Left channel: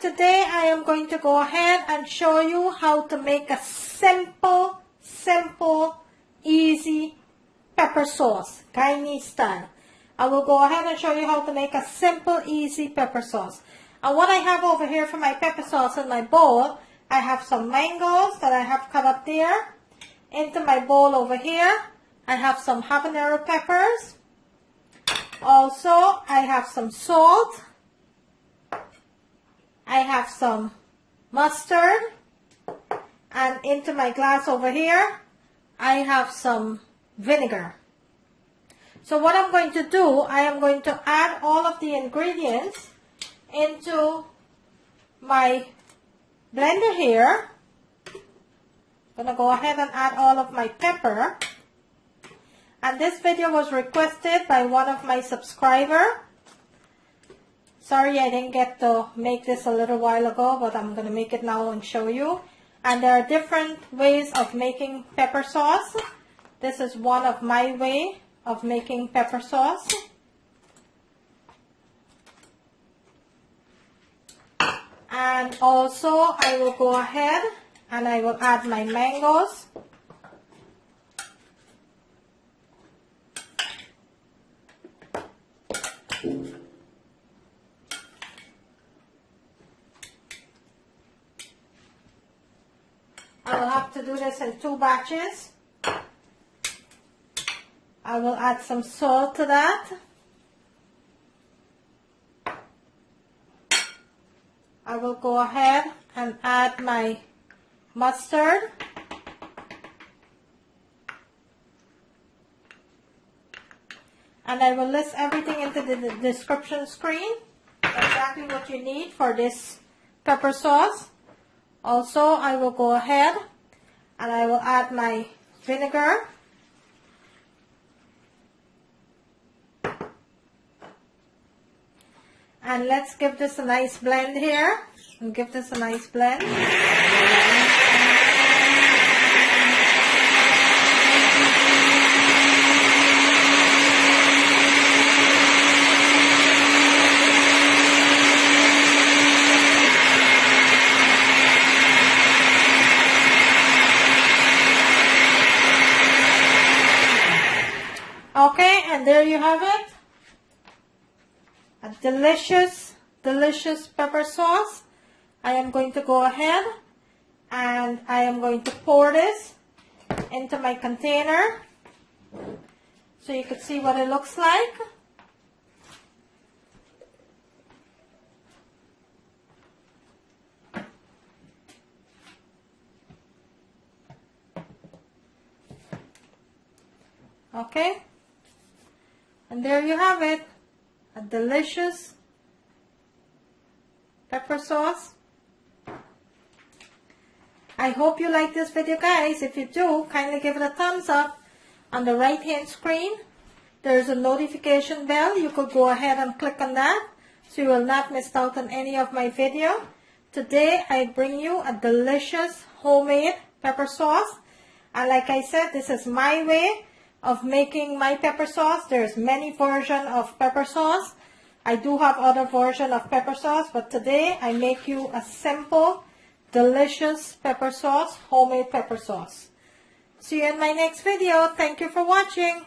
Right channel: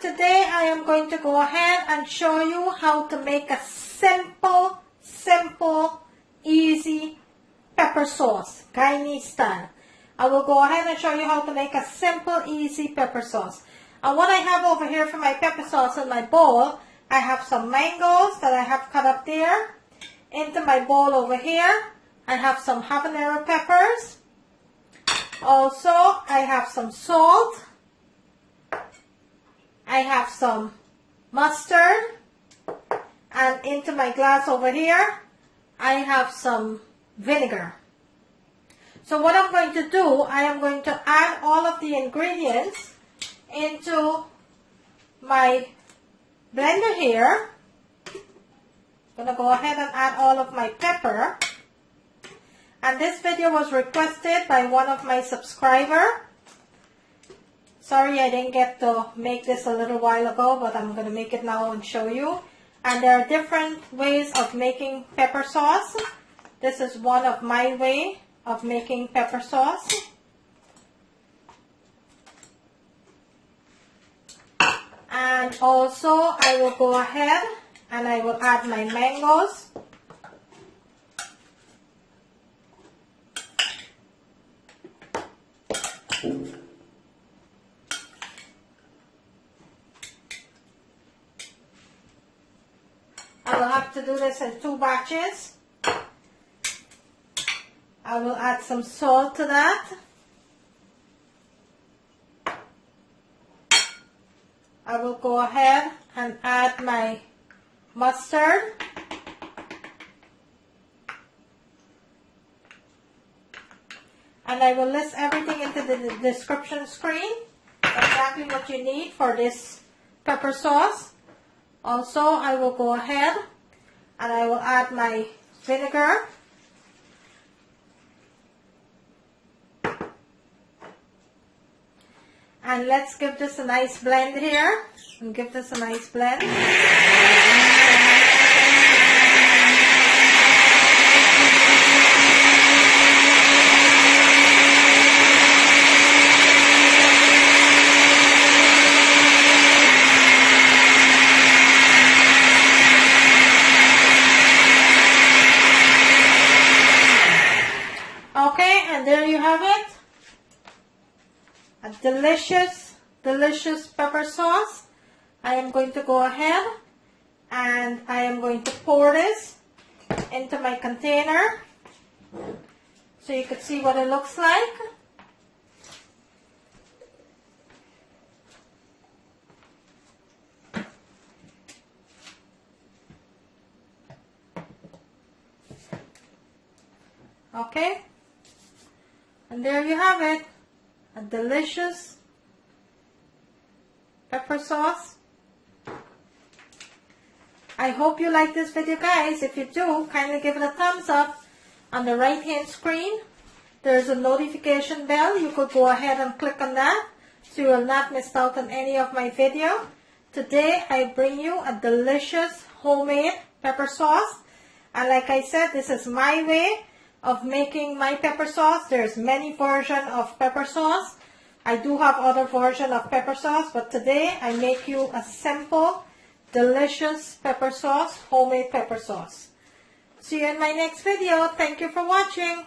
today I am going to go ahead and show you how to make a simple, easy pepper sauce, Guyanese style. I will go ahead and show you how to make a simple, easy pepper sauce. And what I have over here for my pepper sauce in my bowl, I have some mangoes that I have cut up there. Into my bowl over here, I have some habanero peppers. Also, I have some salt. I have some mustard. And into my glass over here, I have some vinegar. So what I'm going to do, I am going to add all of the ingredients into my blender here. I'm going to go ahead and add all of my pepper. And this video was requested by one of my subscribers. Sorry I didn't get to make this a little while ago, but I'm going to make it now and show you. And there are different ways of making pepper sauce. This is one of my way of making pepper sauce. And also I will go ahead and I will add my mangoes. I will have to do this in 2 batches. I will add some salt to that. I will go ahead and add my mustard. And I will list everything into the description screen, exactly what you need for this pepper sauce. Also, I will go ahead and I will add my vinegar. And let's give this a nice blend here. And give this a nice blend. Okay, and there you have it. A delicious pepper sauce. I am going to go ahead and I am going to pour this into my container so you can see what it looks like. Okay, and there you have it. A delicious pepper sauce. I hope you like this video, guys. If you do, kindly give it a thumbs up. On the right hand screen, there's a notification bell. You could go ahead and click on that so you will not miss out on any of my video. Today, I bring you a delicious homemade pepper sauce. And like I said, this is my way of making my pepper sauce. There's many versions of pepper sauce. I do have other versions of pepper sauce, but today I make you a simple, delicious pepper sauce, homemade pepper sauce. See you in my next video. Thank you for watching.